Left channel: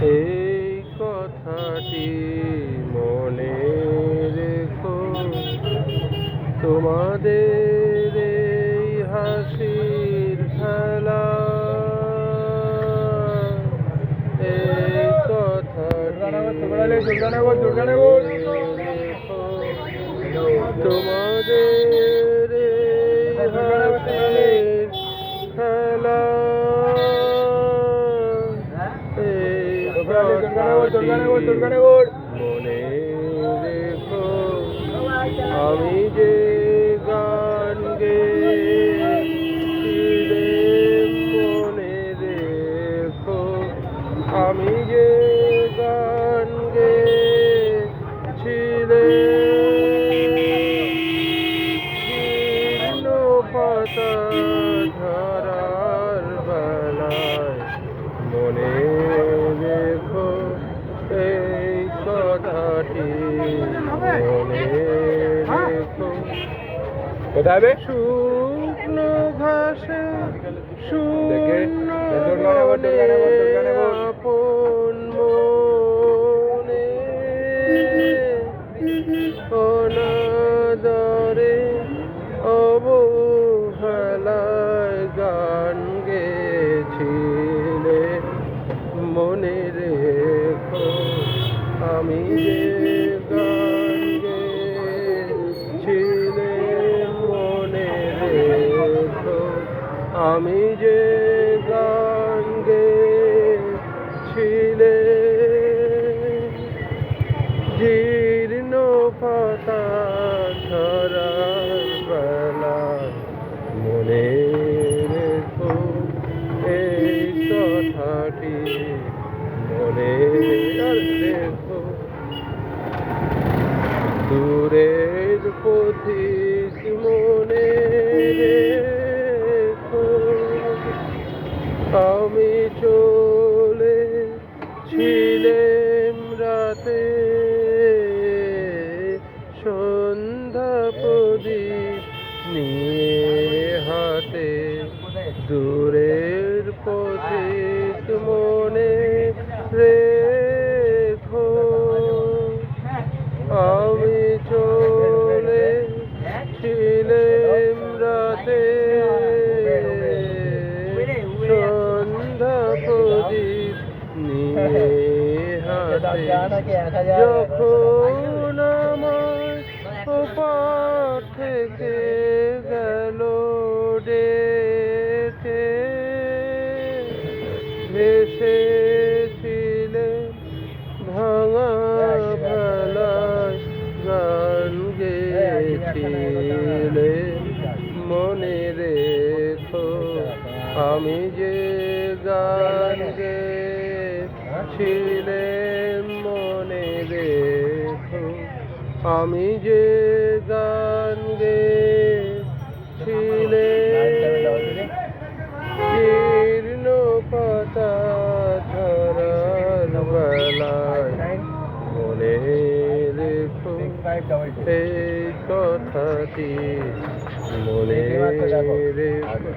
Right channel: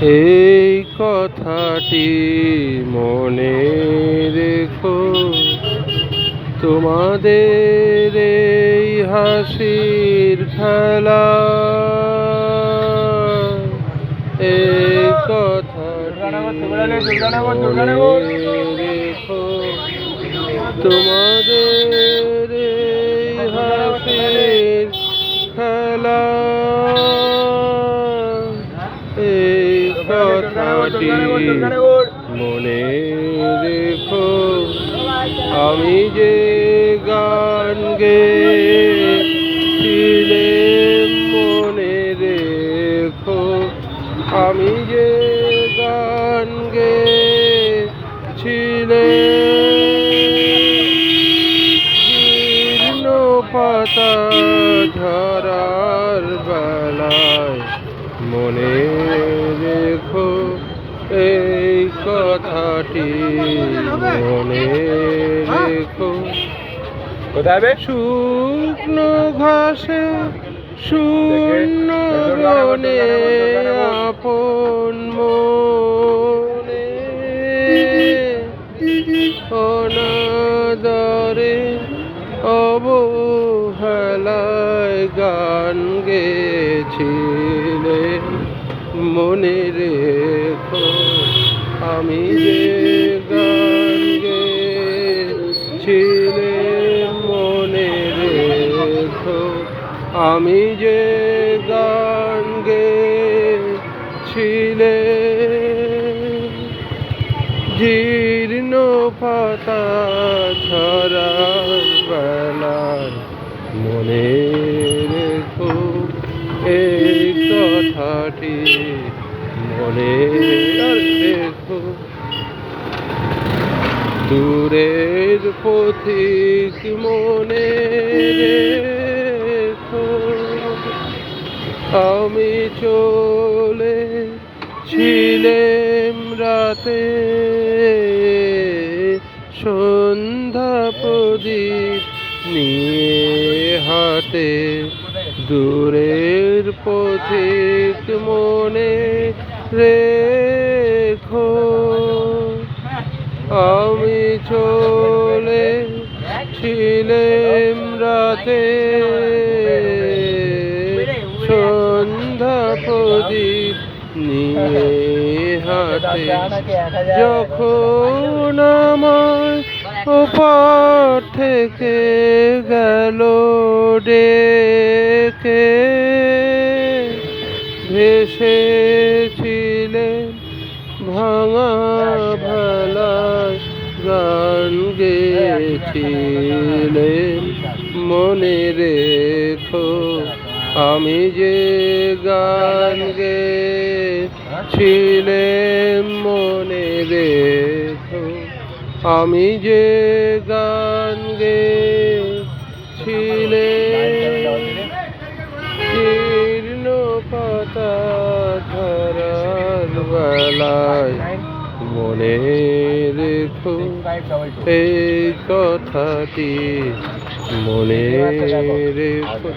এই কথাটি মনে রেখো, তোমাদের এই হাসির খেলা, এই কথাটি মনে রেখো, তোমাদের এই হাসির খেলা, এই কথাটি মনে রেখো। আমি যে গান গেয়েছিলাম মনে রেখো, আমি যে গান গেয়েছিলাম পাতা ঝরার বেলায়, মনে রেখো এই কথাটি মনে রেখো। কোথায় শুকনো ঘাসে শূন্য বনে আপন মনে, অনাদরে অবহেলায় গান গেয়েছিলে, মনে রেখো আমি যে গান গেয়েছিলাম, মনে রেখো আমি যে গান গেয়েছিলাম। জীর্ণ পাতা ঝরার বেলায়, মনে রেখো এই কথাটি মনে রেখো। দূরের পথিক মনে রেখো, আমি চলেছিলাম রাতে সন্ধ্যা প্রদীপ নিয়ে হাতে, দূরের পথিক মনে রেখো, আমি চলেছিলাম রাতে সন্ধ্যা প্রদীপ নিয়ে হাতে, যখন আমার ওপার থেকে গেল ডেকে, ভেসেছিলেন ভাঙা ভালা গান গেয়েছিলেন, মনে রেখো আমি যে গান গেয়েছিলাম, মনে রেখো আমি যে গান গেয়েছিলাম। জীর্ণ পাতা ঝরার বেলায়, মনে রেখো এই কথাটি মনে রেখো।